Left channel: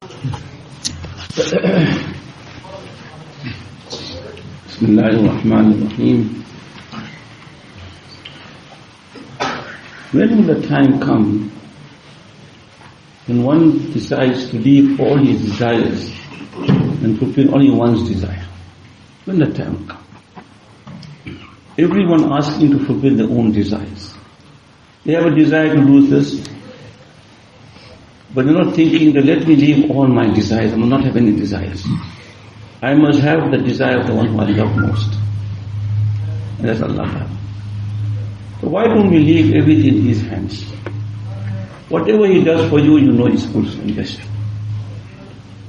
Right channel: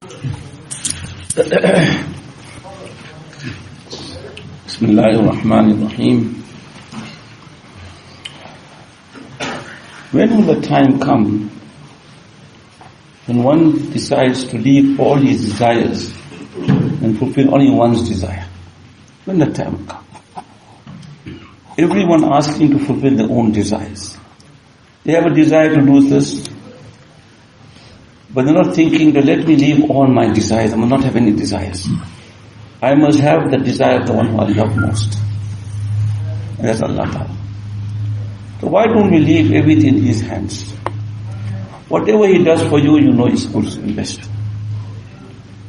Bismillahirrahmanirrahim. When will the time come when one decides to leave all his desires and fulfill only one's desire? When the time will come? Everyone asking to fulfill their own desires. They have a desire to lose this, but they're not thinking that let me leave all my desires. I will not have any desires. I must have the desire of the one who I love most. That's Allah Ta'ala. So why don't we leave everything in His hands? Whatever He does for you, you know is good and best.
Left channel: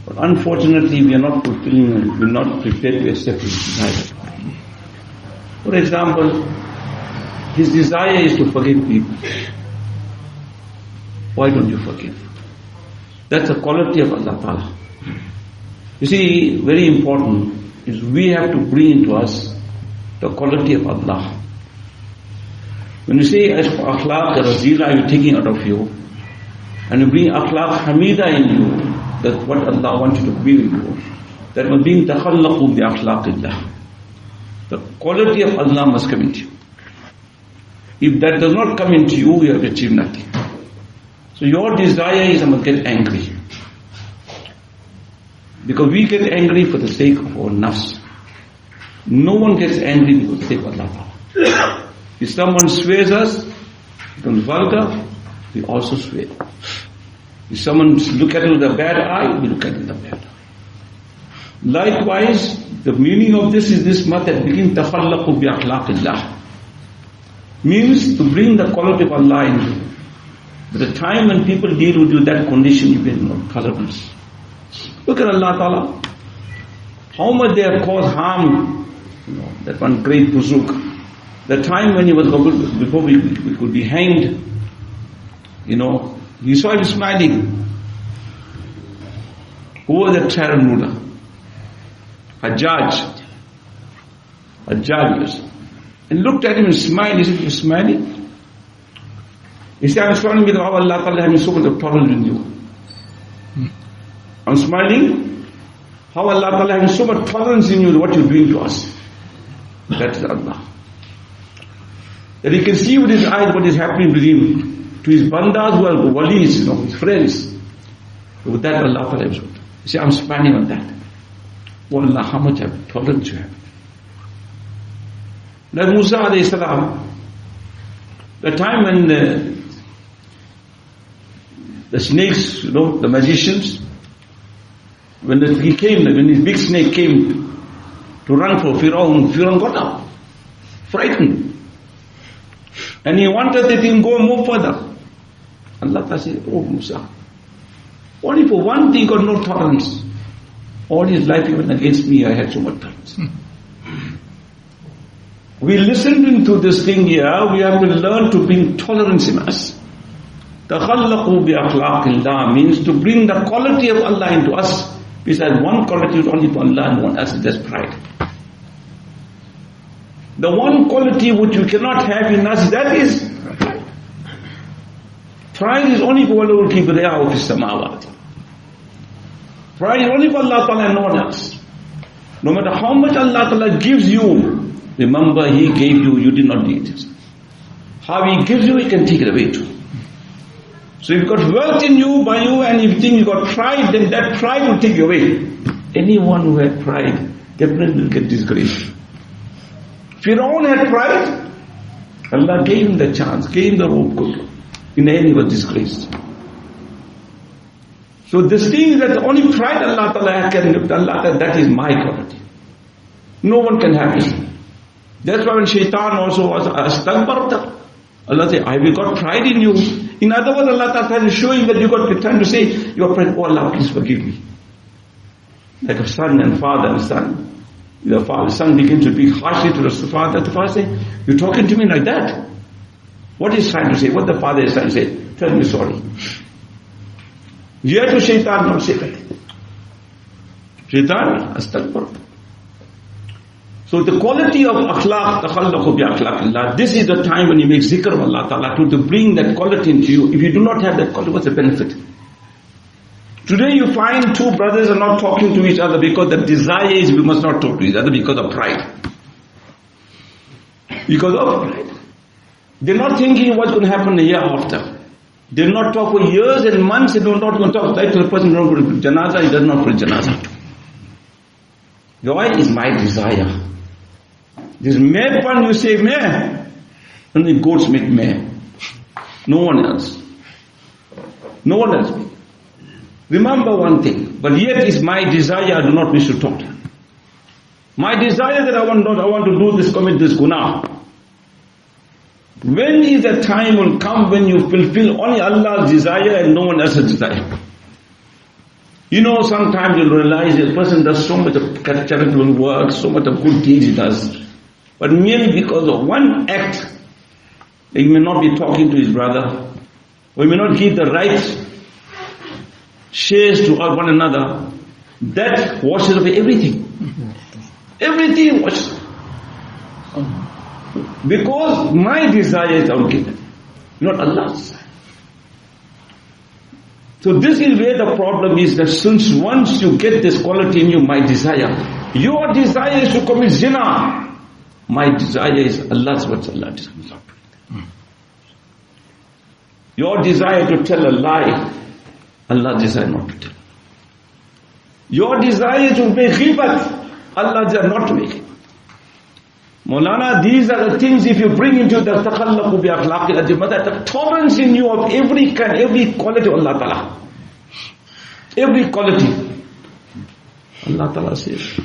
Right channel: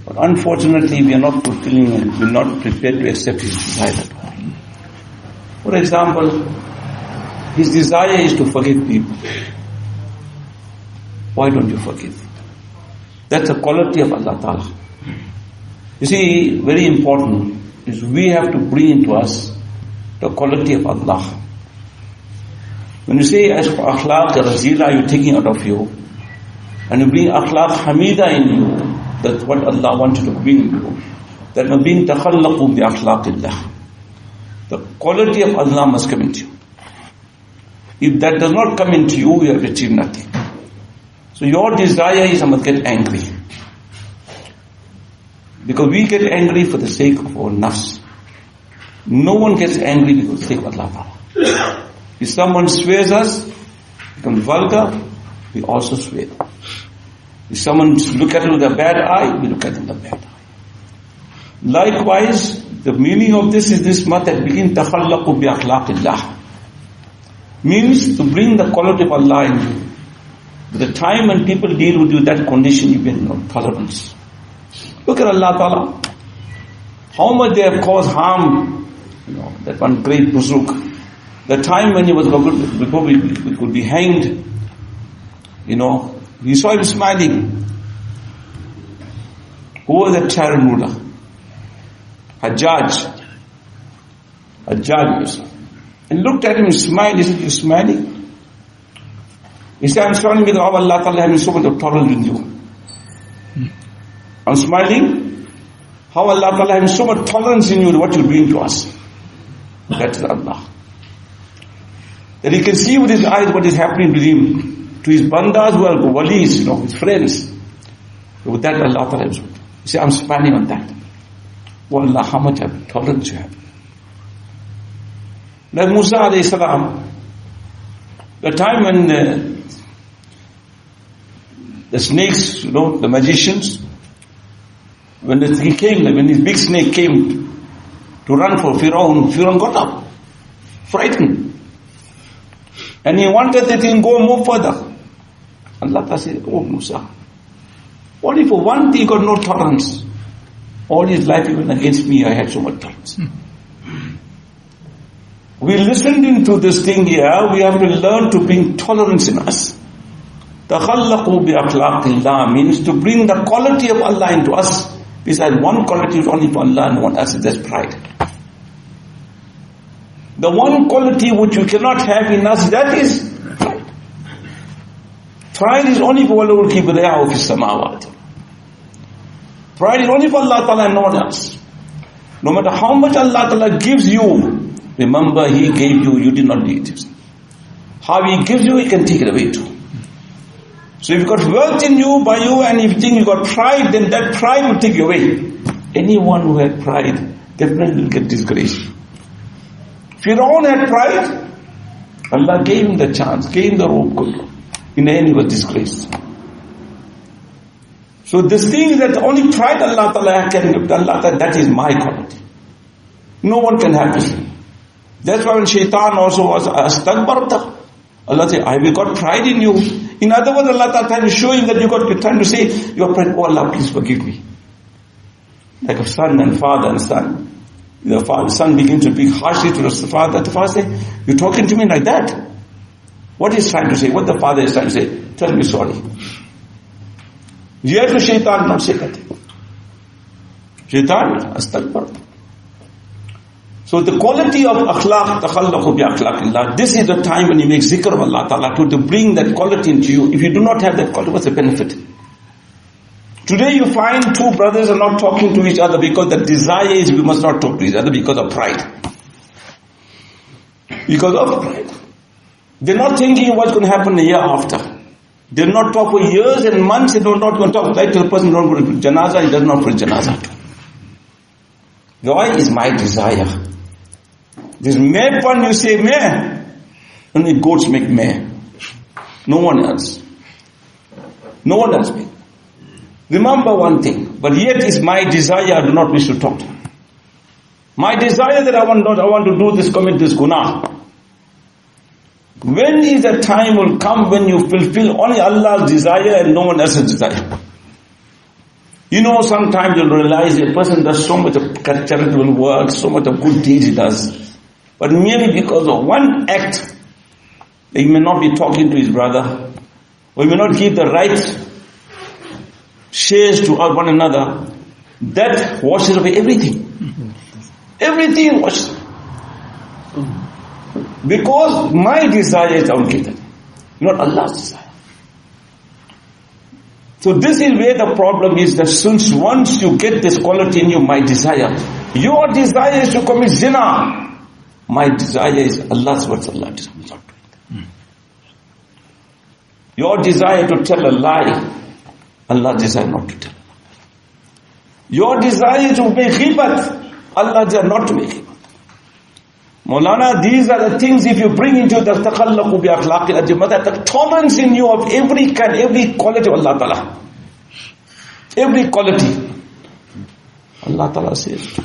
But unfortunately, we are not fulfilling and we are not prepared to accept His desire. For example, His desire is to forgive people. Why don't you forgive? That's the quality of Allah Ta'ala. You see, very important is we have to bring into us the quality of Allah. When you say as for akhlaq razila, you're taking out of you, and you bring akhlaq hamida in you, that's what Allah wants you to bring in you. That will be takhallaqu bi akhlaqillah. The quality of Allah must come into you. If that does not come into you, you have achieved nothing. So your desire is I must get angry. Because we get angry for the sake of our nafs. No one gets angry because of the sake of Allah. If someone swears us, becomes vulgar, we also swear. If someone look at it with a bad eye, we look at it with a bad eye. Likewise, the meaning of this is this much that begin takhallaqu bi akhlaqillah. Means to bring the quality of Allah in you. But the time when people deal with you, that condition you get no tolerance. Look at Allah Ta'ala. How much they have caused harm. That one great buzurg. The time when he was before we could be hanged, he saw him smiling. Who was the tyrant ruler? Hajjaj. And looked at him and smiled. He said, "You're smiling?" He said, "I'm smiling because Allah Ta'ala has so much of tolerance with you. I'm smiling. How Allah Ta'ala has so much tolerance in you, what you're doing to us." That is Allah. That He can see with His eyes what is happening with Him. To His bandas who are walis, His friends. With that Allah Ta'ala is good. You see, I'm smiling on that. Oh Allah, how much tolerance you have. Like Musa alayhi salam, the time when the snakes, the magicians, when his big snake came to run for Firaun got up, frightened. And he wanted that he can go and move further. Allah said, "Oh Musa, only for one thing you got no tolerance. All his life even against me I had so much tolerance." We listened into this thing here, we have to learn to bring tolerance in us. Takhallaqu bi akhlaqillah means to bring the quality of Allah into us. Besides, one quality is only for Allah and one else is just pride. The one quality which you cannot have in us, that is pride. Pride is only for Allah kibriya fi samawat. Pride is only for Allah Ta'ala and no one else. No matter how much Allah Ta'ala gives you, remember He gave you did not need it. How He gives you, He can take it away too. So if you've got wealth in you, by you, and if you think you've got pride, then that pride will take you away. Anyone who had pride definitely will get disgraced. Firaun had pride. Allah gave him the chance, gave him the rope. In the end he was disgraced. So this thing is that the only pride Allah Ta'ala can give to Allah, that is my quality. No one can have this. That's why when shaitan also was astakbarta, Allah said, "I have got pride in you." In other words, Allah Ta'ala is showing that you're trying to say, "Your pride, oh Allah, please forgive me." Like a son and father and son. The son begins to speak harshly to the father. The father says, "You're talking to me like that?" What he's trying to say, what the father is trying to say, "Tell me sorry." Here to shaitan, not say that. Shaitan, astakbar. So the quality of akhlaq, takhallaqu bi akhlaqillah, this is the time when you make zikr of Allah Ta'ala to bring that quality into you. If you do not have that quality, what's the benefit? Today you find two brothers are not talking to each other because the desire is we must not talk to each other because of pride. Because of pride. They're not thinking what's going to happen the year after. They do not talk for years and months, they do not going to talk. Like to the person who don't go to janazah, he does not put janazah. Why is my desire? This meh pun you say meh, only goats make meh. No one else. No one else. Remember one thing, but yet is my desire, I do not wish to talk to you. My desire that I want to do this, commit this guna. When is the time will come when you fulfill only Allah's desire and no one else's desire? You know, sometimes you'll realize a person does so much of charitable work, so much of good deeds he does, but merely because of one act, he may not be talking to his brother, or he may not give the right shares to one another. That washes away everything. Everything washes away. Because my desire is outgiven, not Allah's desire. So this is where the problem is, that since once you get this quality in you, my desire, your desire is to commit zina. My desire is Allah's what Allah desires. Your desire to tell a lie, Allah desires not to tell. Your desire to make ghibat, Allah desires not to make ghibat. Moulana, these are the things if you bring into the takhallaqu bi akhlaqi al-jamaat, the tolerance in you of every kind, every quality of Allah Ta'ala. Every quality. Allah Ta'ala says.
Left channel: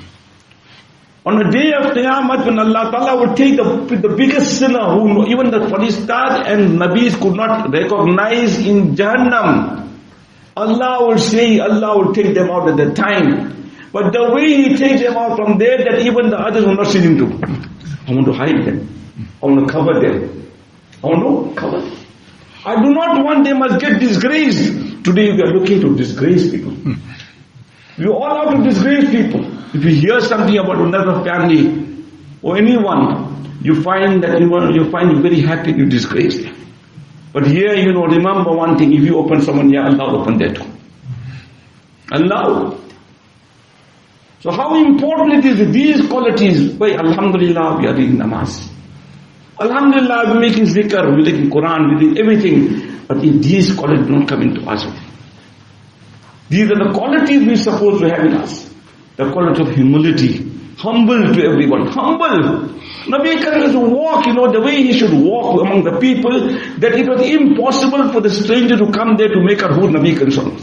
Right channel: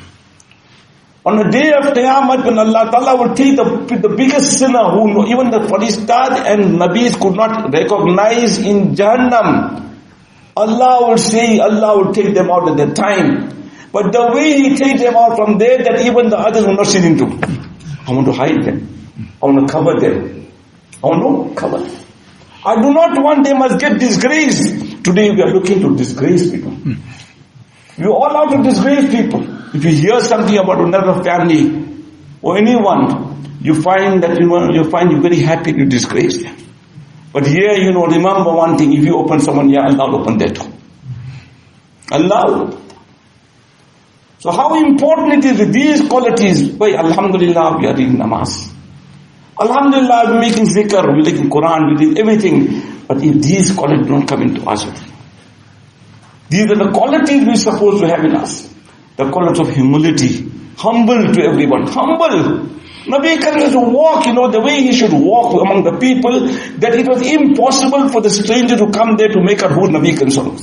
On the day of Qiyamah, when Allah Ta'ala will take the biggest sinner who even the Farishtat and Nabis could not recognize in Jahannam, Allah will say, Allah will take them out at that time. But the way He takes them out from there, that even the others will not see Him too. I want to hide them. I want to cover them. I want to cover them. I do not want them to get disgraced. Today we are looking to disgrace people. We all have to disgrace people. If you hear something about another family or anyone, you find that you find you very happy to disgrace them. But here, remember one thing: if you open someone, yeah, Allah will open that too. Allah will open. So how important it is with these qualities? By Alhamdulillah, we are reading namaz. Alhamdulillah, we're making zikr, we're making Quran, we're doing everything. But if these qualities don't come into us, these are the qualities we're supposed to have in us. The quality of humility, humble to everyone, humble. Nabi Karim used to walk, the way he should walk among the people, that it was impossible for the stranger to come there to make out who Nabi Karim.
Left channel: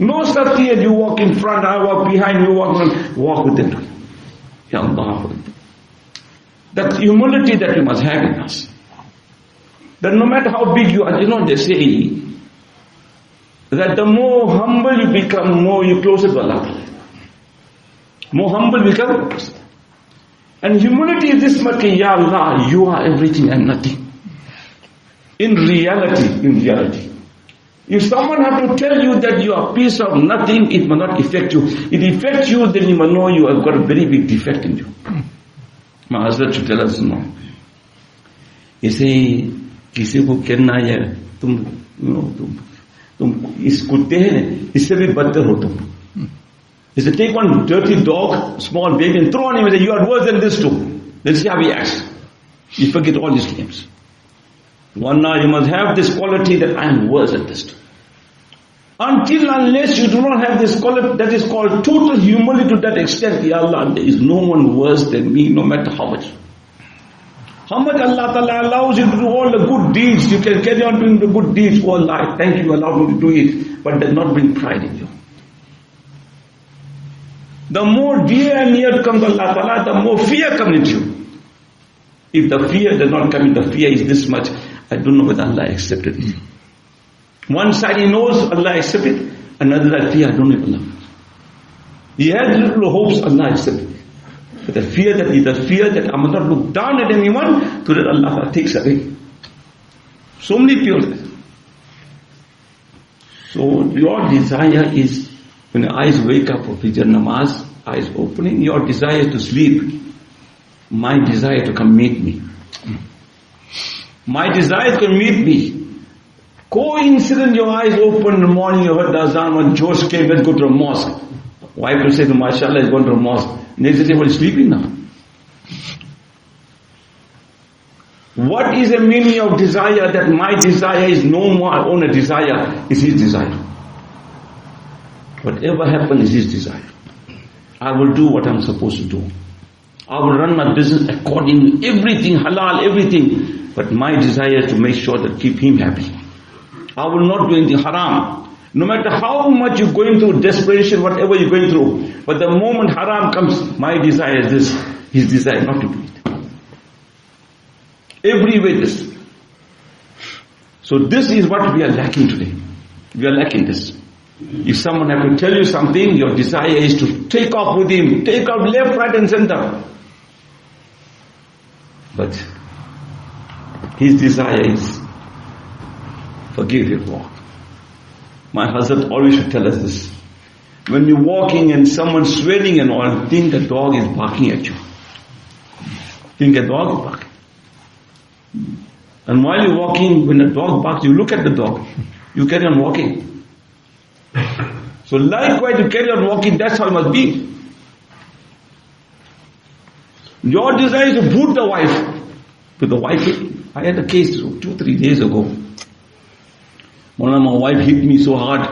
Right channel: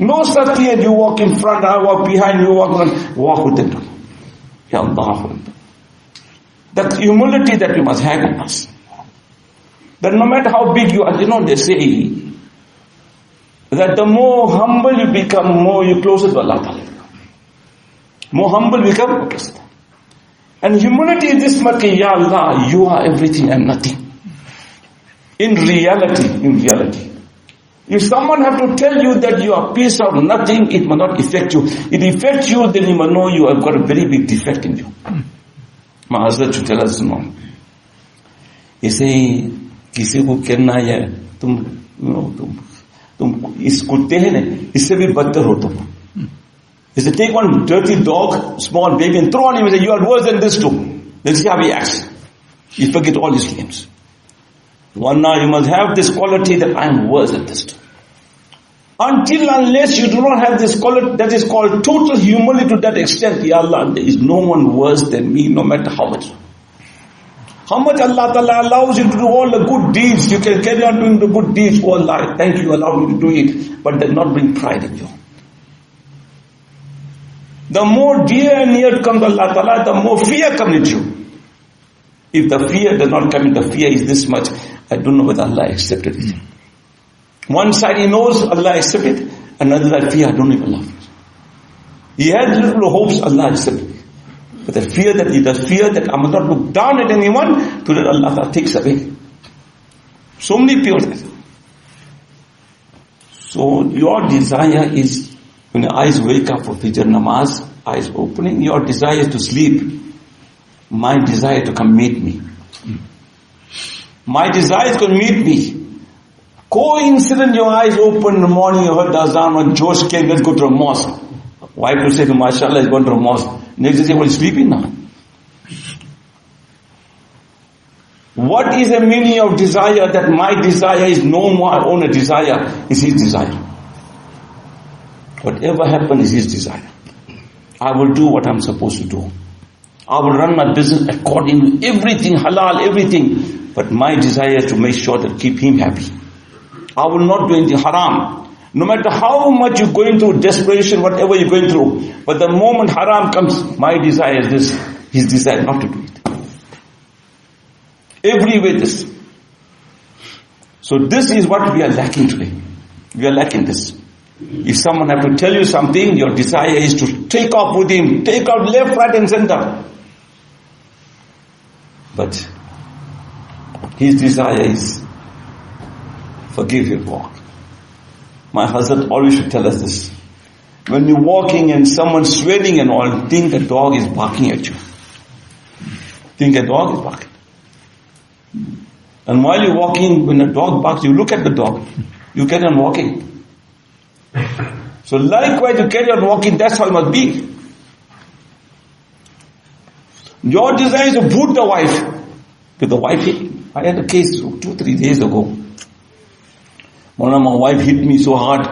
No such thing, you walk in front, I walk behind, you walk with them. Ya Allah. That humility that we must have in us. That no matter how big you are, they say that the more humble you become, more you closer to Allah. More humble become closer. And humility is this much, Ya Allah, you are everything and nothing. In reality. If someone have to tell you that you are a piece of nothing, it will not affect you. It affects you, then you will know you have got a very big defect in you. My husband to tell us no. He say, किसी को कहना है तुम इस कुत्ते हैं इससे भी बदतर हो तुम. He said, take one dirty dog, small baby, and throw on him and say, you are worse than this too. Let's see how he acts. You forget all his names. One now you must have this quality that I am worse than this too. Unless you do not have this quality, that is called total humility to that extent, Ya Allah, there is no one worse than me, no matter how much. How much Allah Ta'ala allows you to do all the good deeds, you can carry on doing the good deeds, oh Allah, thank you, allow me to do it, but does not bring pride in you. The more dear and near comes Allah Ta'ala, the more fear comes into you. If the fear does not come in, the fear is this much, I don't know whether Allah accepted it. One side he knows Allah accepted it, another side fear, I don't even love it. He had little hopes, Allah accepted it. But the fear that I must not look down at anyone, to that Allah takes away. So many people. So your desire is, when your eyes wake up for Fajr namaz, eyes opening, your desire is to sleep. My desire to come meet me. My desire is to meet me. Coincident, your eyes open in the morning, you heard the azan, when Josh came, let's go to a mosque. Wife will say to mashallah, he's going to a mosque. Next day say, well, he's sleeping now. What is the meaning of desire? That my desire is no more own a desire, it's his desire. Whatever happens is his desire. I will do what I'm supposed to do. I will run my business according to everything, halal, everything. But my desire is to make sure that keep him happy. I will not do anything haram. No matter how much you're going through, desperation, whatever you're going through. But the moment haram comes, my desire is this, his desire not to do it. Every way this. So this is what we are lacking today. We are lacking this. If someone has to tell you something, your desire is to take off with him, take off left, right and center. But his desire is forgive your walk. My husband always should tell us this. When you're walking and someone's swearing and all, think a dog is barking at you. Think a dog is barking. And while you're walking, when a dog barks, you look at the dog. You carry on walking. So likewise, you carry on walking, that's how it must be. Your desire is to boot the wife. With the wife, I had a case 2-3 days ago. Moulana, my wife hit me so hard.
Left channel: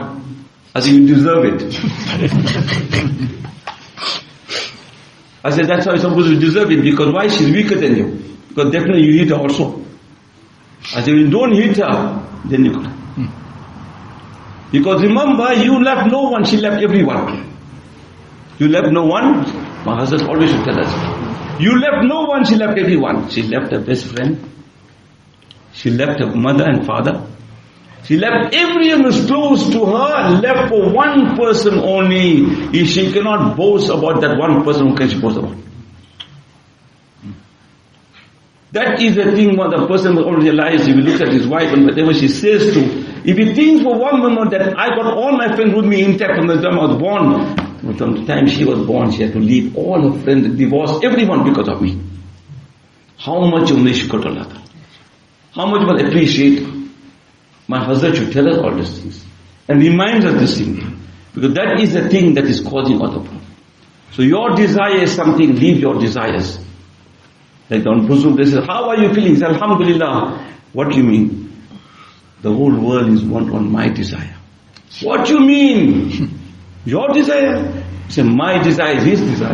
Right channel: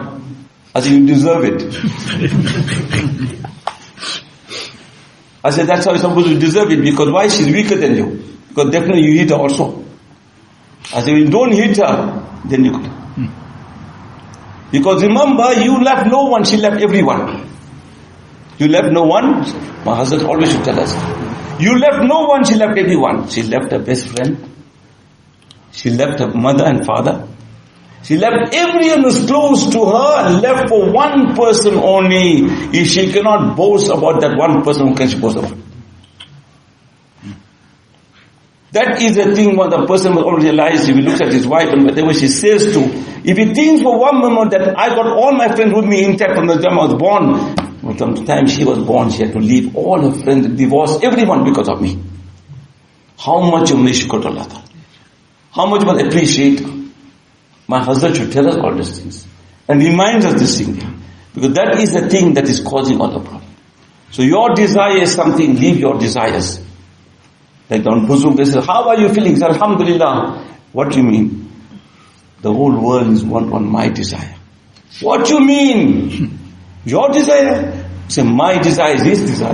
I said, you deserve it. I said, that's how you're supposed to deserve it. Because why? She's weaker than you. Because definitely you hit her also. I said, you don't hit her, then you could. Because remember, you left no one, she left everyone. You left no one. My husband always used to tell us. You left no one, she left everyone. She left her best friend. She left her mother and father. She left everyone who's close to her, left for one person only. If she cannot boast about that one person, who can she boast about? That is the thing what the person will all realize if he looks at his wife and whatever she says to. If he thinks for one moment that I got all my friends with me intact from the time I was born, from the time she was born, she had to leave all her friends, divorce everyone because of me. How much you wish God Allah? How much must appreciate? My husband should tell us all these things and reminds us this thing, because that is the thing that is causing all the problem. So your desire is something, leave your desires. Like Don Buzuk, they say, how are you feeling? He said, Alhamdulillah. What do you mean? The whole world is one on my desire. What do you mean? Your desire? He said, my desire is his desire.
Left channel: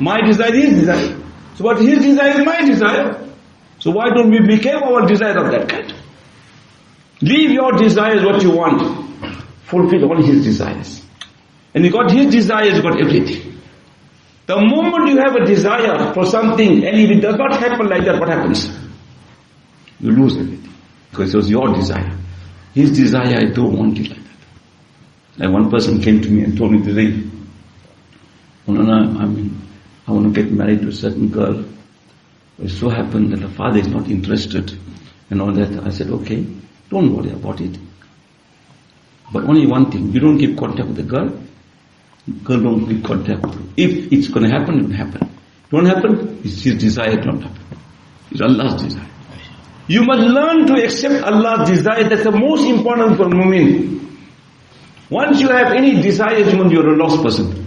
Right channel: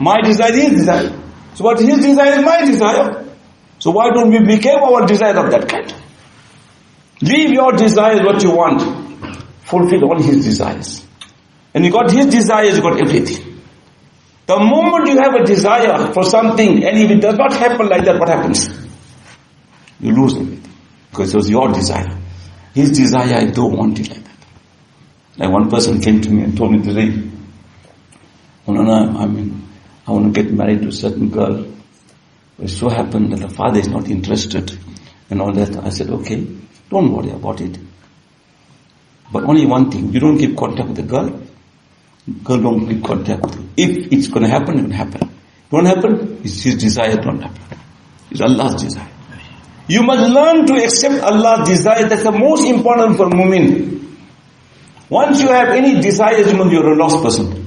My desire is his desire. So what his desire is my desire. So why don't we become our desire of that kind? Leave your desires what you want. Fulfill all his desires. And you got his desires, you got everything. The moment you have a desire for something, and if it does not happen like that, what happens? You lose everything. Because it was your desire. His desire, I don't want it like that. Like one person came to me and told me today, Moulana, I want to get married to a certain girl. It so happened that the father is not interested and all that. I said, okay, don't worry about it. But only one thing, you don't keep contact with the girl. Girl don't keep contact with you. If it's going to happen, it will happen. Don't happen, it's his desire, don't happen. It's Allah's desire. You must learn to accept Allah's desire. That's the most important for mu'min. Once you have any desires, you're a lost person. You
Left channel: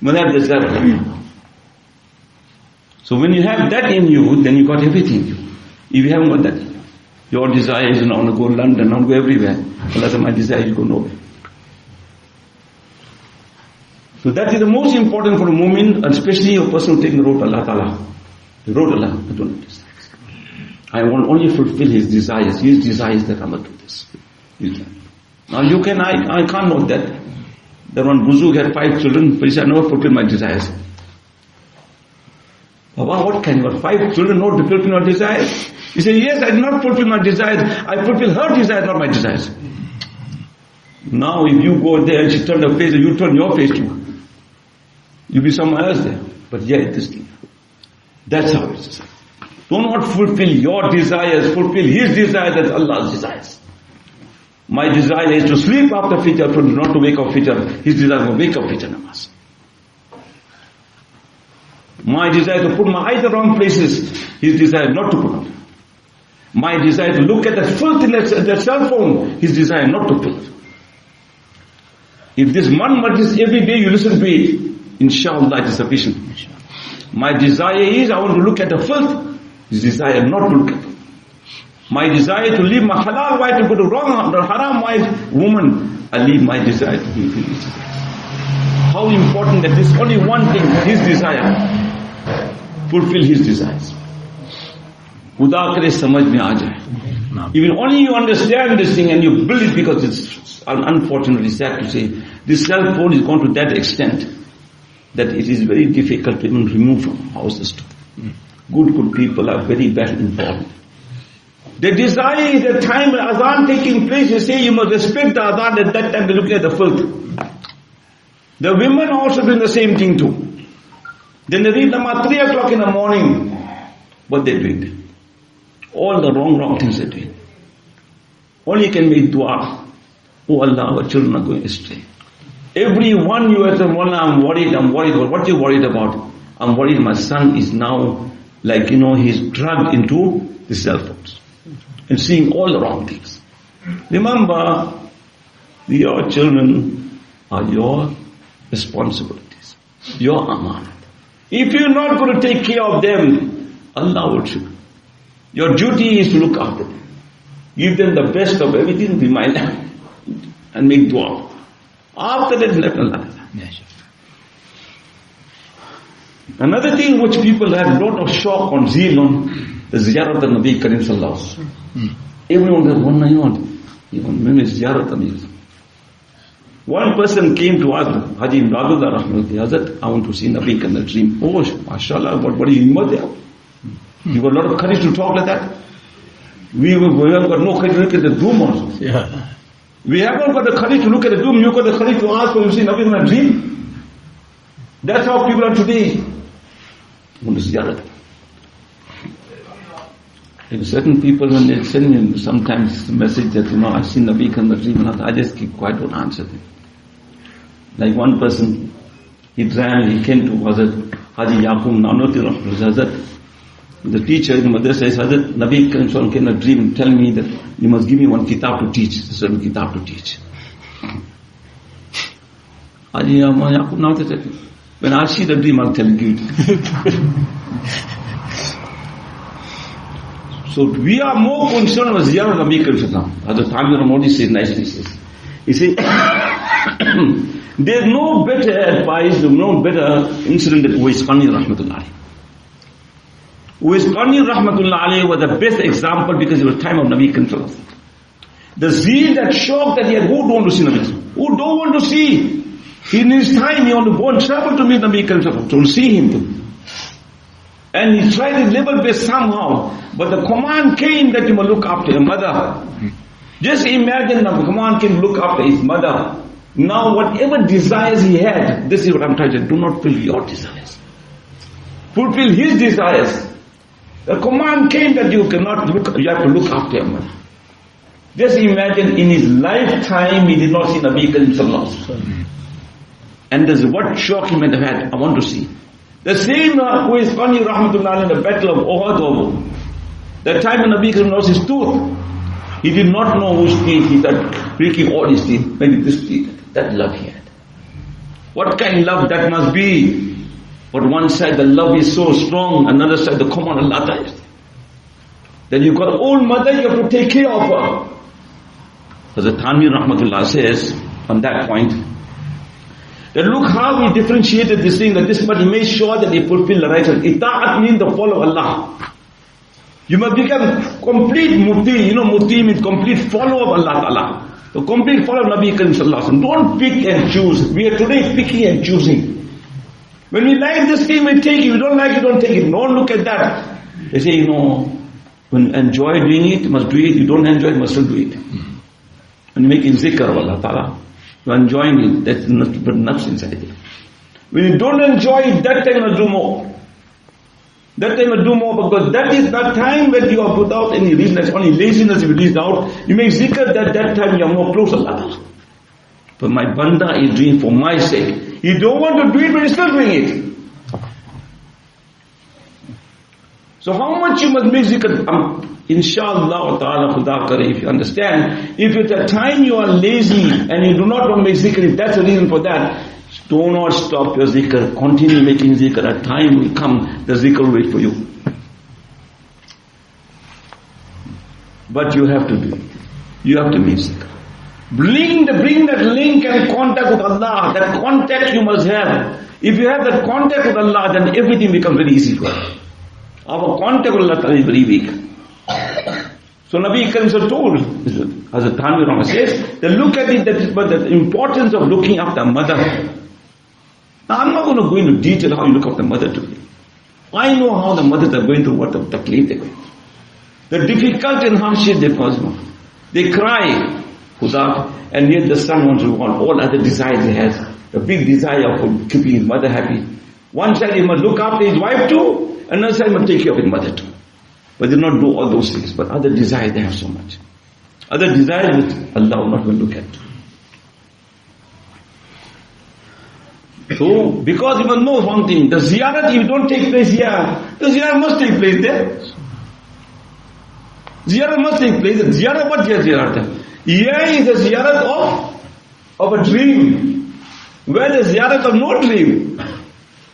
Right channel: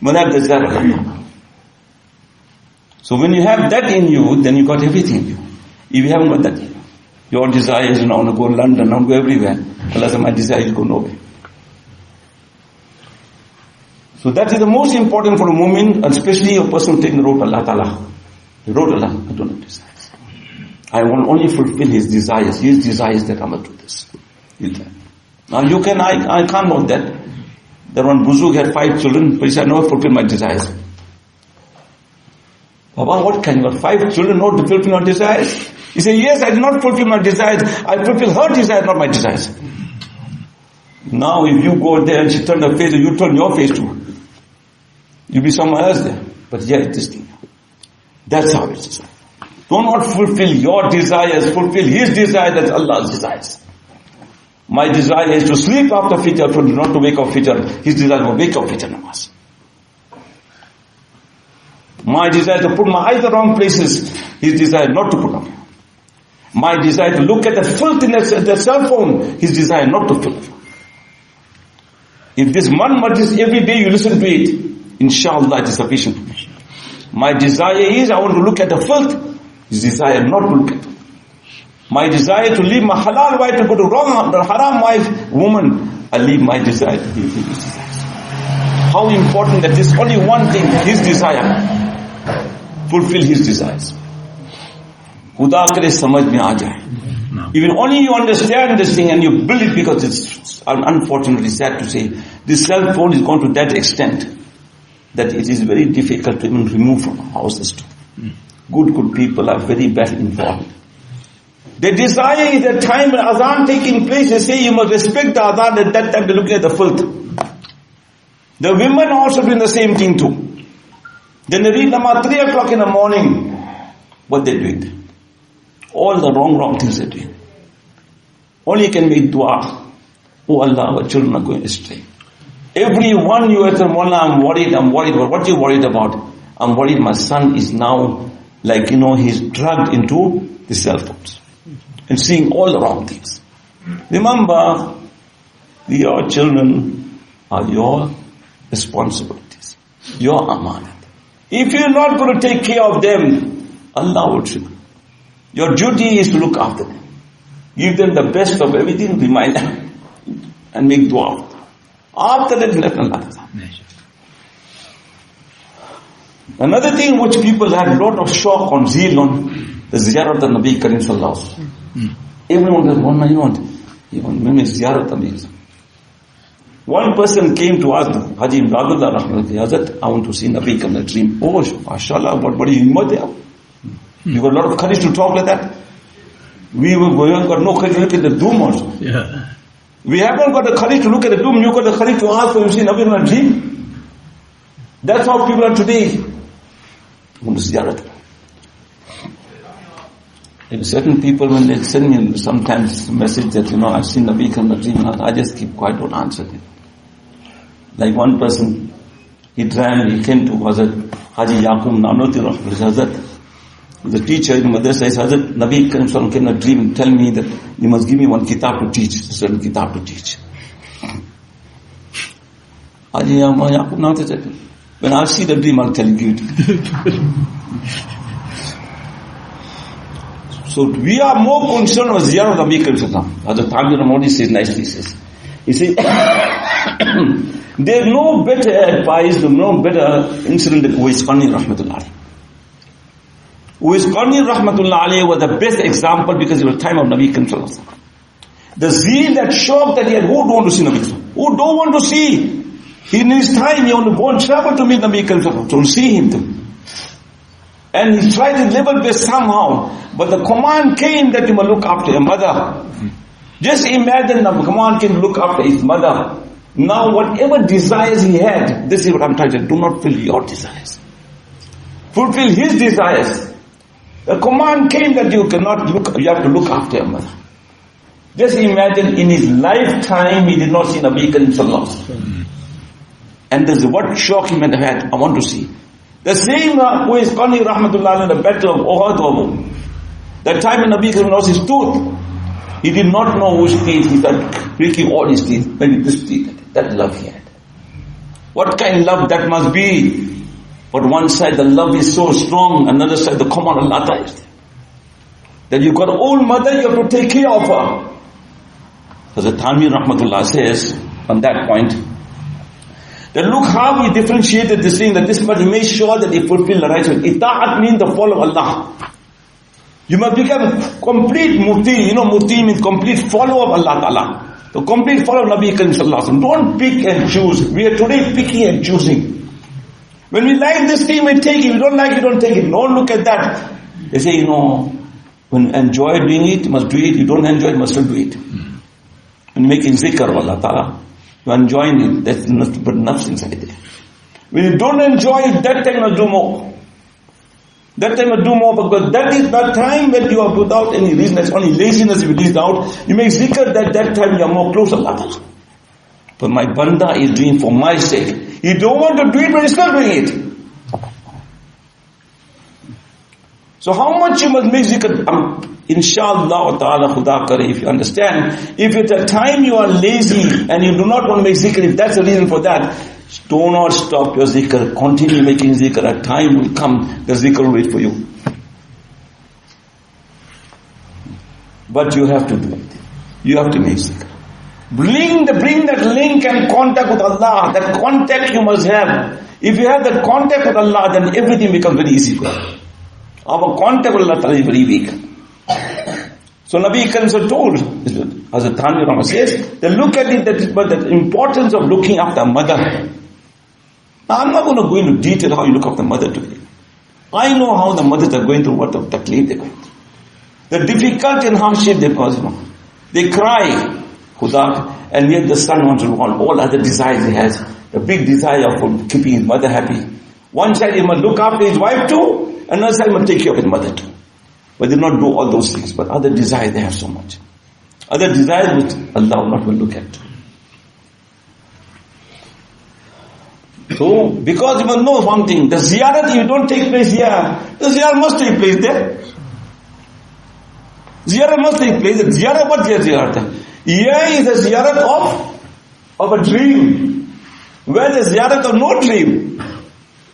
must have desire. So when you have that in you, then you got everything. If you haven't got that, your desire is, I want to go to London, I want to go everywhere. Allah said, my desire is to go nowhere. So that is the most important for a mu'min, especially a person taking the road to Allah Ta'ala. The road to Allah, I don't have desires. I will only fulfill his desires. His desires that I must do this. Now you can, I can't know that. That one Buzug had 5 children, but he said, I never fulfill my desires. Baba, what can you got 5 children, not to fulfill my desires? He said, yes, I did not fulfill my desires. I fulfill her desires, not my desires. Now if you go there and she turned her face, you turn your face too. You'll be somewhere else there. But yeah, it's this thing. That's how it is. Do not fulfill your desires, fulfill his desires, that's Allah's desires. My desire is to sleep after Fajr, not to wake up Fajr. His desire is to wake up Fajr namaz. My desire is to put my eyes in the wrong places. His desire is not to put them. My desire to look at the filth in the cell phone, his desire not to filth. If this one majlis every day you listen to it, inshallah it is sufficient. My desire is I want to look at the filth, his desire not to look at it. My desire to leave my halal wife to go to wrong, the haram wife, woman, I leave my desire to leave his desires. How important that this only one thing, his desire, fulfill his desires. Khuda kare samajh mein aa jaye. Even only you understand this thing and you build it, because it's unfortunately sad to say, this cell phone is gone to that extent that it is very difficult to even remove from houses too. Good people are very well informed. They desire the time when azan taking place, they say you must respect the azan, at that time they're looking at the filth. The women are also doing the same thing too. Then they read Namaz 3 o'clock in the morning. What they doing? All the wrong things they're doing. Only can make dua. Oh Allah, our children are going astray. Every one you have to, Moulana, I'm worried. But what are you worried about? I'm worried my son is now, like, he's drugged into the cell phones. And seeing all the wrong things. Remember, your children are your responsibilities. Your amanat. If you're not going to take care of them, Allah will show. Your duty is to look after them. Give them the best of everything, remind them, and make dua. After that, let Allah decide. Another thing which people have a lot of shock on, zeal on, the ziyarat of Nabi Karim Sallallahu Alaihi Wasallam. Everyone has one ziyarat. One person came to ask Haji Imdadullah Rahmatullah, Hazrat, I want to see Nabi in a dream. Oh, mashallah, what are you there? You got a lot of courage to talk like that? We have got no courage to look at the doom also. Yeah. We haven't got the courage to look at the doom, you got the courage to ask for you see Nabi in a dream. That's how people are today. Want to ziyarat. Like certain people, when they send me sometimes a message that, I've seen Nabi in the dream, I just keep quiet, don't answer them. Like one person, he came to Hazrat Haji Yaqub Nanoti Hazrat, the teacher in the madrasa says, Hazrat, Nabi came in a dream, tell me that you must give me one kitab to teach, a certain kitab to teach. Haji Yaqub Nanoti said, when I see the dream, I'll tell you. So we are more concerned with Ziyarah Nabi Karim Sallallahu Alaihi Wasallam. Hazrat Tamir Modi says nicely, he says, there's no better advice, no better incident than Uwais Qarni Rahmatullah Alayhi. Uwais Qarni Rahmatullah Alayhi was the best example because it was time of Nabi Karim Sallallahu Alaihi Wasallam. The zeal, that shock that he had, who don't want to see Nabi Karim? Who don't want to see? In his time, he only go and travel to meet Nabi Karim Sallallahu Alaihi Wasallam, to see him too. And he tried to level base somehow. But the command came that you must look after your mother. Just imagine the command came to look after his mother. Now whatever desires he had, this is what I'm trying to do. Do not fulfill your desires. Fulfill his desires. The command came that you have to look after your mother. Just imagine in his lifetime he did not see Nabi Karim Sallallahu Alaihi Wasallam. And there's what shock he might have had. I want to see. The same who is Qani Rahmatullah in the battle of Uhud. That time when Nabi Karim lost his tooth, he did not know which teeth. He started breaking all his teeth. When this teeth, that love he had. What kind of love that must be? But one side the love is so strong, another side the command Allah is. That you got an old mother, you have to take care of her. Hazrat Tanvir Rahmatullah says on that point, that look how he differentiated this thing, that this must make sure that he fulfill the rights. Ita'at means the follow of Allah. You must become complete muti. Muti means complete follower of Allah Ta'ala. The complete follower of Nabi Karim Sallallahu Alaihi Wasallam. Don't pick and choose. We are today picking and choosing. When we like this thing, we take it. We don't like it, don't take it. Don't look at that. They say, when you enjoy doing it, you must do it. You don't enjoy it, you must not do it. When you make zikr of Allah Ta'ala, you are enjoying it. That's not but nafs inside there. When you don't enjoy it, that time you must do more. That time you do more, because that is that time when you are without any reason, it's only laziness you released out. You make zikr that time you are more close to Allah. But my banda is doing for my sake. You don't want to do it, but you're still doing it. So how much you must make zikr? Inshallah ta'ala khuda kare, if you understand, if at the time you are lazy and you do not want to make zikr, if that's the reason for that, do not stop your zikr, continue making zikr. A time will come, the zikr will wait for you. But you have to do it. You have to make zikr. Bring that link and contact with Allah. That contact you must have. If you have that contact with Allah, then everything becomes very easy for you. Our contact with Allah is very weak. So Nabi Karim told, as a Tanvi Rama says, that look at it, but the importance of looking after a mother. Now I'm not going to go into detail how you look after a mother today. I know how the mothers are going through, what the claim they're going through. The difficulty and hardship they pass on. They cry, Khuda, and yet the son wants to want all other desires he has. A big desire for keeping his mother happy. One side he must look after his wife too, another side he must take care of his mother too. But they not do all those things. But other desires they have so much. Other desires which Allah will not will look at. So, because you must know one thing, the ziyarat, if you don't take place here, the ziyarat must take place there. Ziyarat must take place. The ziyarat, what is ziyarat? Here is a ziyarat of a dream. Where the ziyarat of no dream.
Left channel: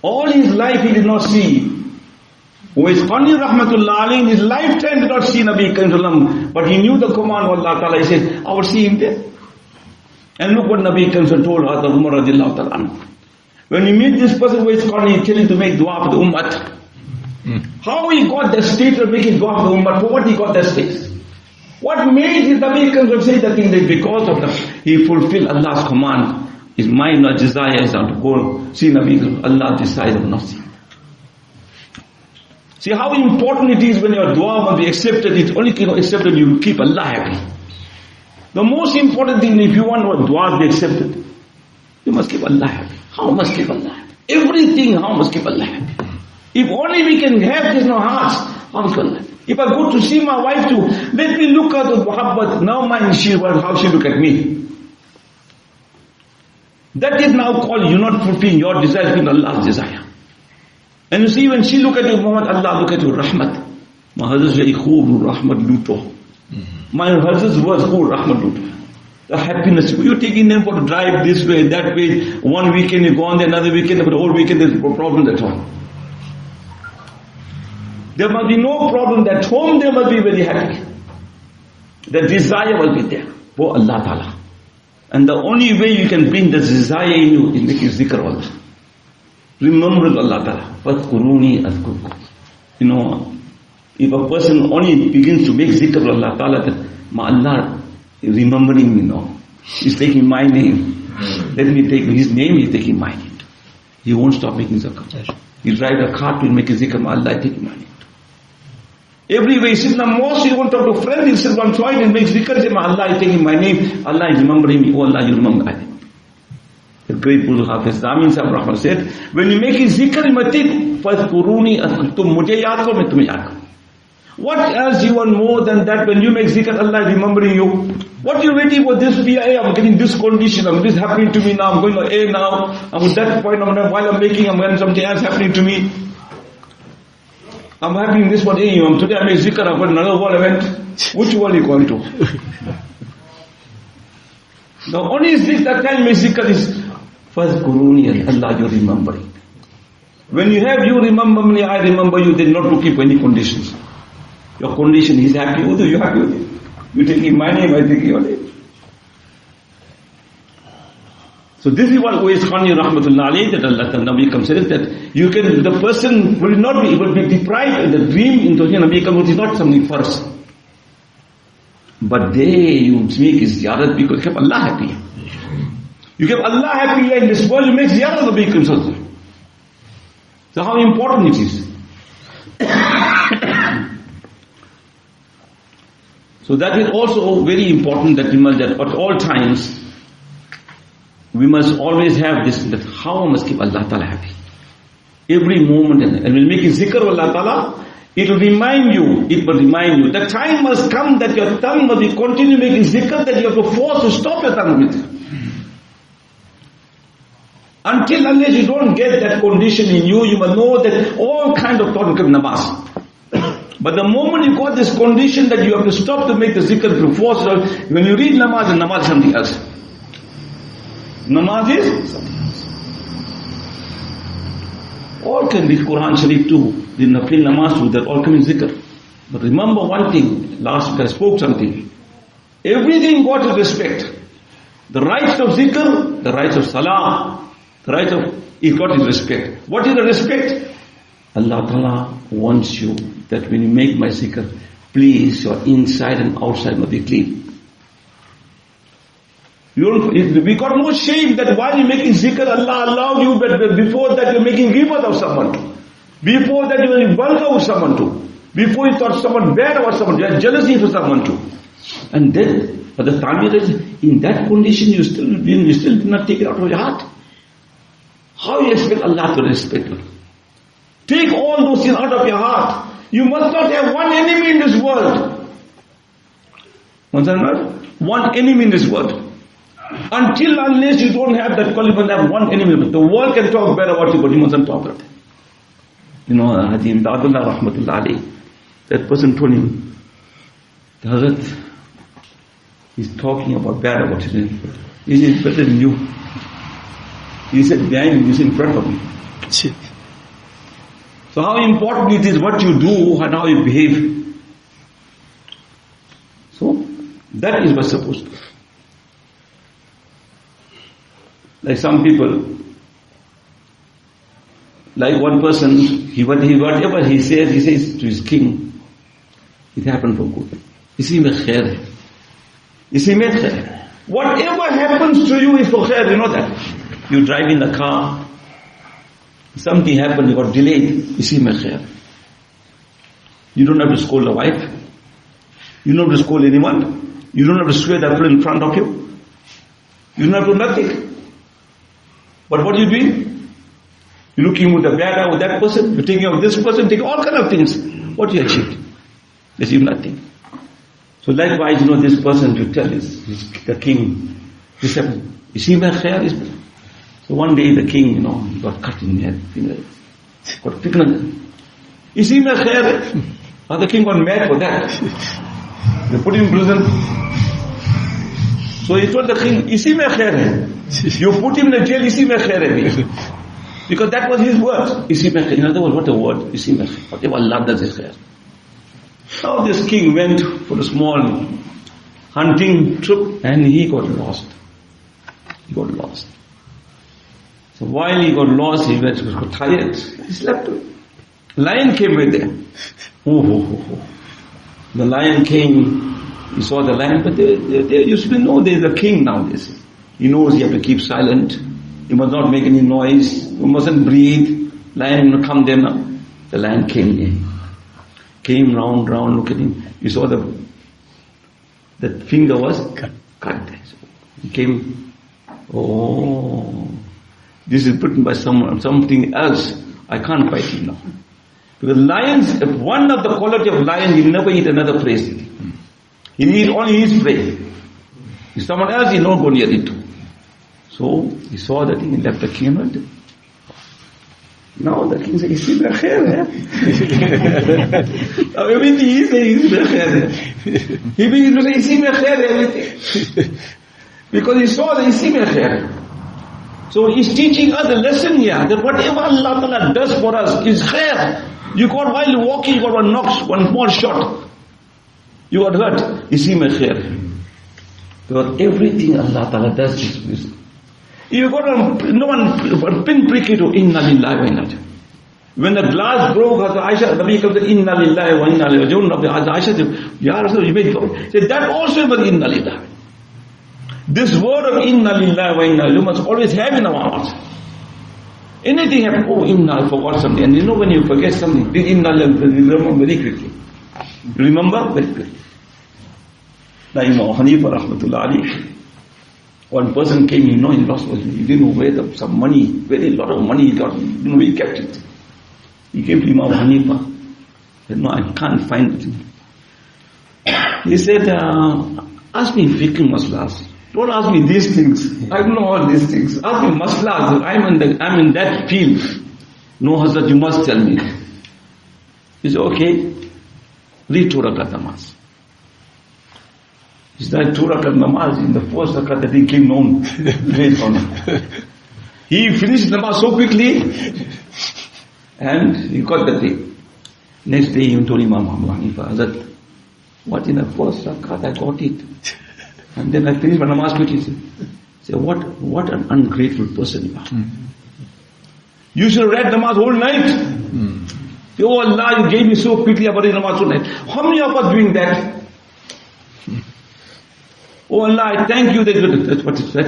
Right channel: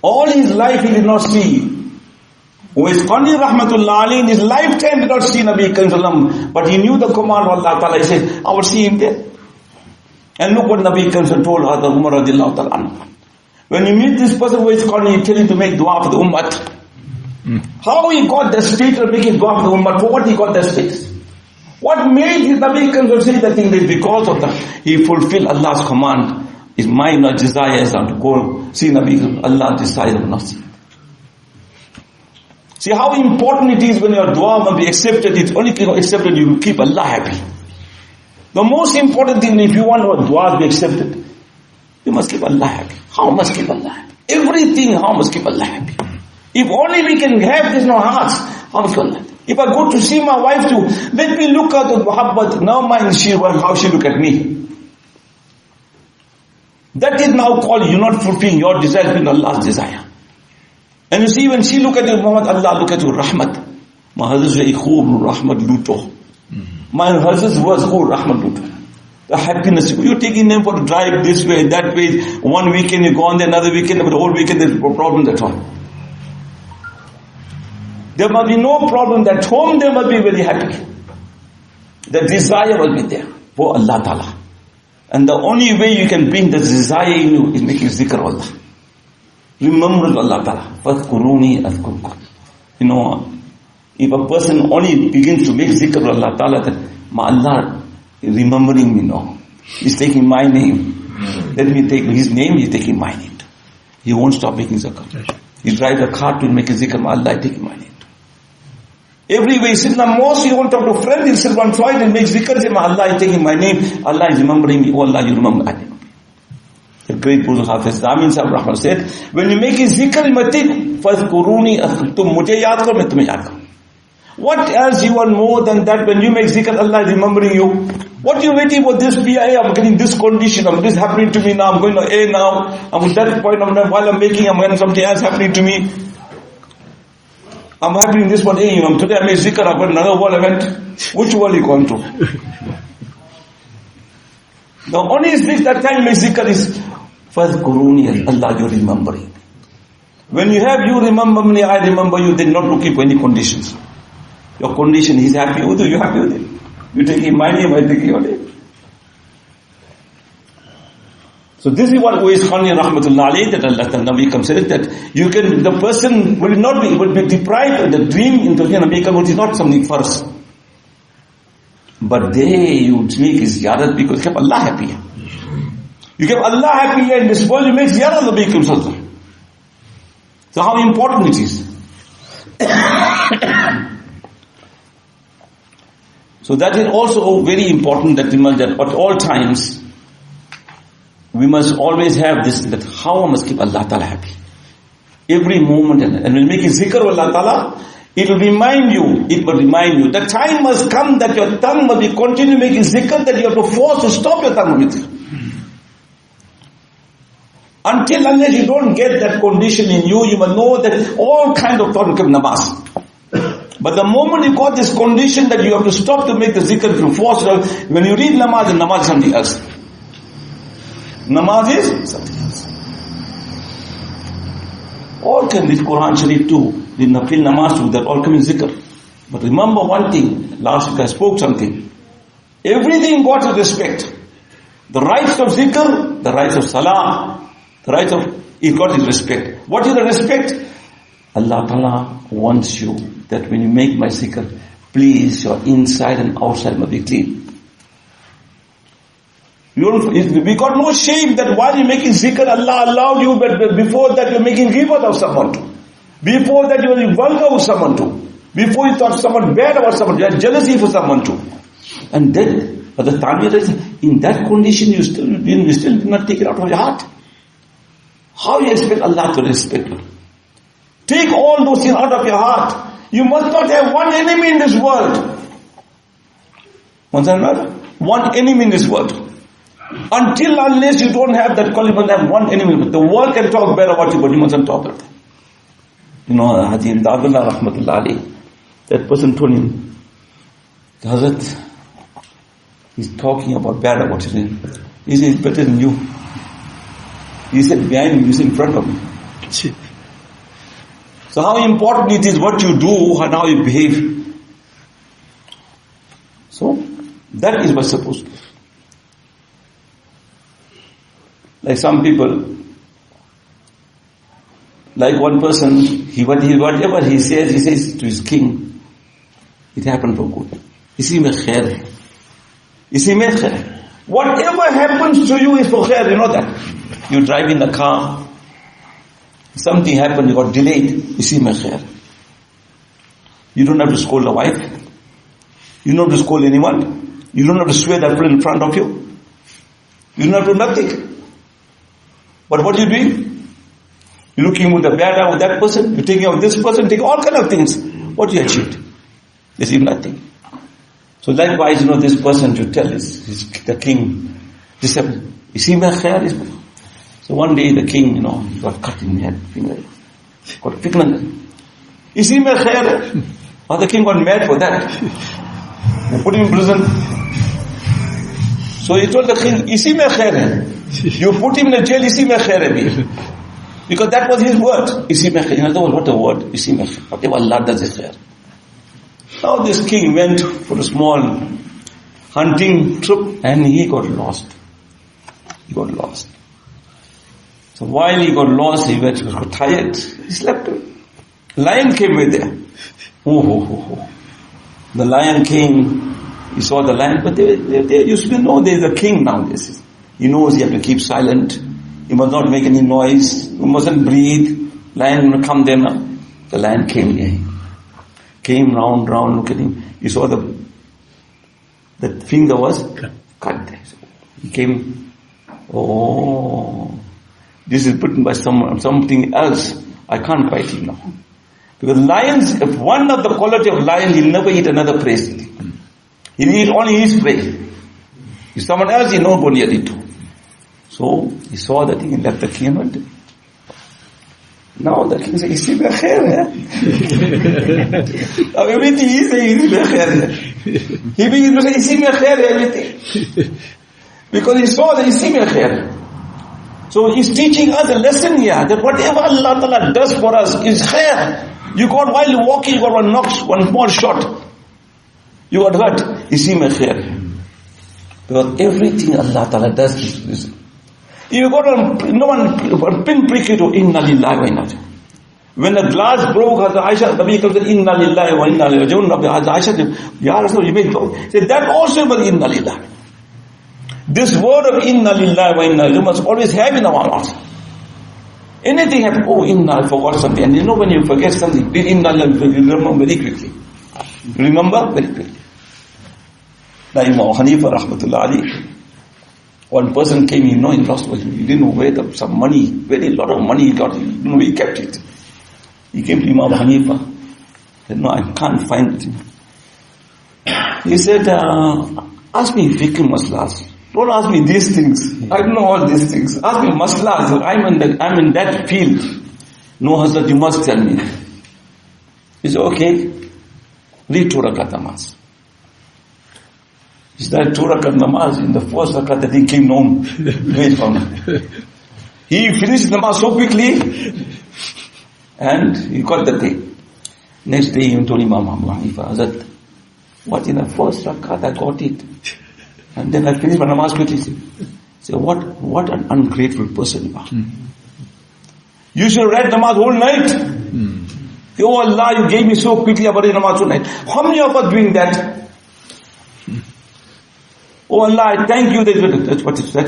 All his life he did not see. Who is Qani Rahmatullah Ali in his lifetime did not see Nabi Karim Sallam, but he knew the command of Allah Ta'ala. He said, I will see him there. And look what Nabi Karim told Hadar Umar Radiallahu Ta'ala. When you meet this person who is Qani, you tell him to make dua for the Ummah. How he got the state of making dua for the Ummah? For what he got that space? What made his Nabi Karim say that thing? That because of that, he fulfilled Allah's command. His mind or desires are to go see Nabi Karim. Allah desires him not see. See how important it is when your dua must be accepted. It's only accepted you keep Allah happy. The most important thing, if you want your dua to be accepted, you must keep Allah happy. How must keep Allah happy? Everything, how must keep Allah happy? If only we can have this in our hearts, how must keep Allah happy? If I go to see my wife too, let me look at the muhabbat. Now mind how she look at me. That is now called you not fulfilling your desire with Allah's desire. And you see, when she look at you, Muhammad, Allah look at you, Rahmat. My husband's very cool, Rahmat Luto. My husband's was cool, Rahmat Luto. The happiness. You're taking them for a drive this way, that way. One weekend you go on there, another weekend, but the whole weekend there's no problem at all. There must be no problem at home, they must be very happy. The desire will be there for Allah Ta'ala. And the only way you can bring the desire in you is making zikr of Allah. Remember Allah Ta'ala. فَذْكُرُونِي أَذْكُرْكُمْ. You know, if a person only begins to make zikr of Allah Ta'ala, that my Allah is remembering me now. He's taking my name. Let me take his name, he's taking my name. He won't stop making zikr. He drives a car to make a zikr, my Allah is taking my name. Every way, he sits in the mosque, he won't talk to friends, he'll sit one side and make zikr, say, my Allah is taking my name, Allah is remembering me, oh Allah, you remember me. The great Buddha Hafiz Amin Sahib Rahman said, when you make a zikr, you must think, فَذْكُرُونِي أَذْكُرْكُمْ. Mujhe yaad karo, main tumhe yaad karo. What else you want more than that? When you make zikr, Allah is remembering you. What are you waiting for this PIA? I'm getting this condition, this happening to me now, I'm going to A now, I'm at that point of time, while I'm making, I'm getting something else happening to me. I'm happening this one, today I made zikr, I've got another world event. Which world are you going to? The only zikr that time make zikr is فَذْكُرُونِي Allah, you're remembering. When you have you remember me, I remember you, then not looking for any conditions. Your condition, he's happy with you, you're happy with him. You're taking my name, I'm taking your name. So this is what Uwais Khani Rahmatullah alayhi, that Allah Nabi Kam said, that you can, the person will be deprived of the dream into Nabi Kam, which is not something first. But you make his ziyarat because you kept Allah happy. You kept Allah happy and this world you make ziyarat of Nabi Kam Sallallahu. So how important it is. So that is also very important that at all times, we must always have this, that how I must keep Allah Ta'ala happy. Every moment, and we'll make a zikr of Allah Ta'ala, it will remind you, the time must come that your tongue must be continue making zikr, that you have to force to stop your tongue with it. Until unless you don't get that condition in you, you must know that all kinds of thoughts come namaz. But the moment you got this condition that you have to stop to make the zikr through force, when you read namaz, and namaz is something else. Namaz is something else. All can read Quran Sharif too, did nafil namaz too, that all come in zikr. But remember one thing, last week I spoke something. Everything got to respect. The rights of zikr, the rights of salah, the rights of, it got his respect. What is the respect? Allah Ta'ala wants you that when you make my zikr, please your inside and outside must be clean. We got no shame that while you're making zikr, Allah allowed you, but before that you're making ghibah of someone. Before that you're vulgar with someone too. Before you thought someone bad about someone, you had jealousy for someone too. And then, at the time in that condition, you still do not take it out of your heart. How you expect Allah to respect you? Take all those things out of your heart. You must not have one enemy in this world. One enemy in this world. Until unless you don't have that quality, you have one enemy. The world can talk bad about you, but you mustn't talk about it. You know, Haji Imdadullah Rahmatullah Ali, that person told him, Hazrat, he's talking about bad about you. He said, it's better than you. He said, behind him, you said in front of him. So how important it is what you do and how you behave. So, that is what's supposed to be. Like some people, like one person, whatever he says to his king, it happened for good. Isi mein khair hai. Isi mein khair. Whatever happens to you is for khair, you know that. You drive in a car, something happened, you got delayed, isi mein khair. You don't have to scold the wife. You don't have to scold anyone. You don't have to swear that in front of you. You don't have to do nothing. But what are you doing? You're looking with the bad eye with that person, you're taking of this person, taking all kind of things. What you achieved? You achieved nothing. So likewise, this person you tell is the king. He said, you see my hair? So one day the king, he got cut in the head. Got fitna. You see my hair? Oh, the king got mad for that. They put him in prison. So he told the king, you see my hair? You put him in a jail, you see my hair. Because that was his word. You see my hair. In other words, what a word? You see my hair. Whatever Allah does is hair. Now this king went for a small hunting trip and he got lost. He got lost. So while he got lost, he got tired. He slept. Lion came with him. The lion came. He saw the lion, but they used to know there's a king now. He knows you have to keep silent. You must not make any noise. You mustn't breathe. Lion will come there now. The lion came here. Came round, look at him. You saw the finger was cut there. He came, this is written by something else. I can't fight him now. Because lions, if one of the quality of lion, he'll never eat another prey. He'll eat only his prey. If someone else, he'll not go near it too. So he saw that he left the king and went. Now the king said, you see my hair? Now everything he says, you see my hair. He begins to say, you see my hair, everything. Because he saw that you see my hair. So he's teaching us a lesson here, that whatever Allah Ta'ala does for us is khair. You got, while you're walking, you got one knock, one small shot. You got hurt. You see my khair. Because everything Allah Ta'ala does is you got no one pinprick it to inna lillahi wa inna ilayhi. When the glass broke, Aisha, the Nabi said, inna lillahi wa inna ilayhi. Aisha said, Ya Rasul, you made go. Said, that also was inna lillahi. This word of inna lillahi wa inna ilayhi, you must always have in our hearts. Anything happens, inna, I forgot something. And when you forget something, inna lillahi, you remember very quickly. You remember very quickly. Like Imam Hanifa, rahmatullah alayhi. One person came, he lost, he didn't know where some money, very lot of money he got, he kept it. He came to Imam Hanifa, said, no, I can't find it. He said, ask me fiqh maslas. Don't ask me these things. I don't know all these things. Ask me maslas. I'm in that field. No, Hazrat, you must tell me. He said, okay. lead 2 rakat namaz. It's not 2 rakat namaz. In the first rakat, the thing came known. He finished namaz so quickly, and he got the thing. Next day, he told Imam Abu Hanifa, Hazrat, what in the first rakat I got it, and then I finished my namaz quickly. Say, what an ungrateful person you are. You should have read namaz whole night. Oh Allah, you gave me so quickly about namaz whole night. How many of us doing that? Oh Allah, I thank you. That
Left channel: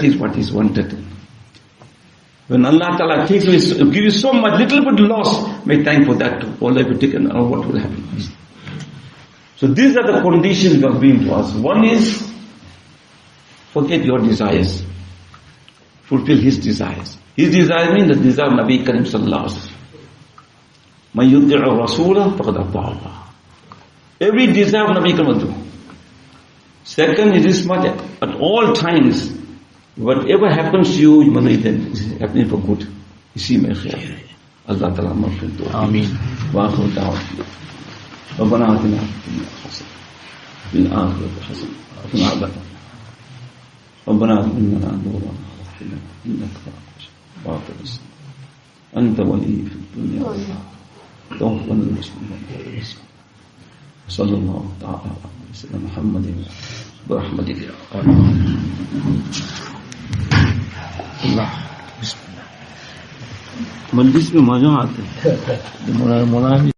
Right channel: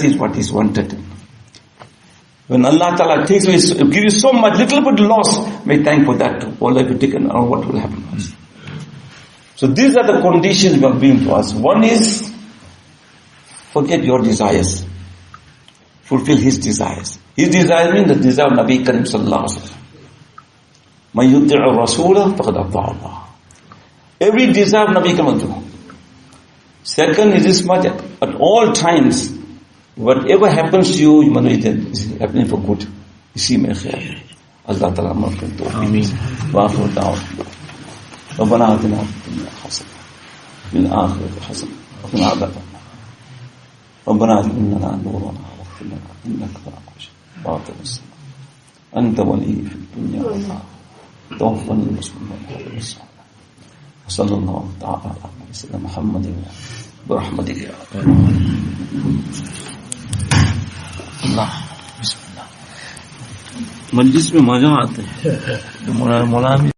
is what is wanted. When Allah Ta'ala takes me, give you so much, little bit loss, may thank for that too. Allah will take another, what will happen? So these are the conditions God bring to us. One is, forget your desires. Fulfill His desires. His desire means the desire of Nabi Karim Sallallahu Alaihi Wasallam. Man yuti'u Rasulah faqad ata'a Allah. Every desire of Nabi Karim will do. Second is this much, at all times, whatever happens to you, you must know it is happening for good. Isi mein khair. Allah Ta'ala maghfir to. Ameen. Wa akhiru da'wana. Rabbana atina fid dunya hasanah. Fil akhirati hasanah. Wa qina adhaban nar. Rabbana innana nurana waghfir lana innaka ala kulli shay'in qadir. Anta waliyyi fid dunya wal akhirah. Tawaffana muslimin. وصلى الله تعالى على سيدنا محمد برحمتك يا رب الله. بسم الله. मजलिस में मजा आता है. मौलाना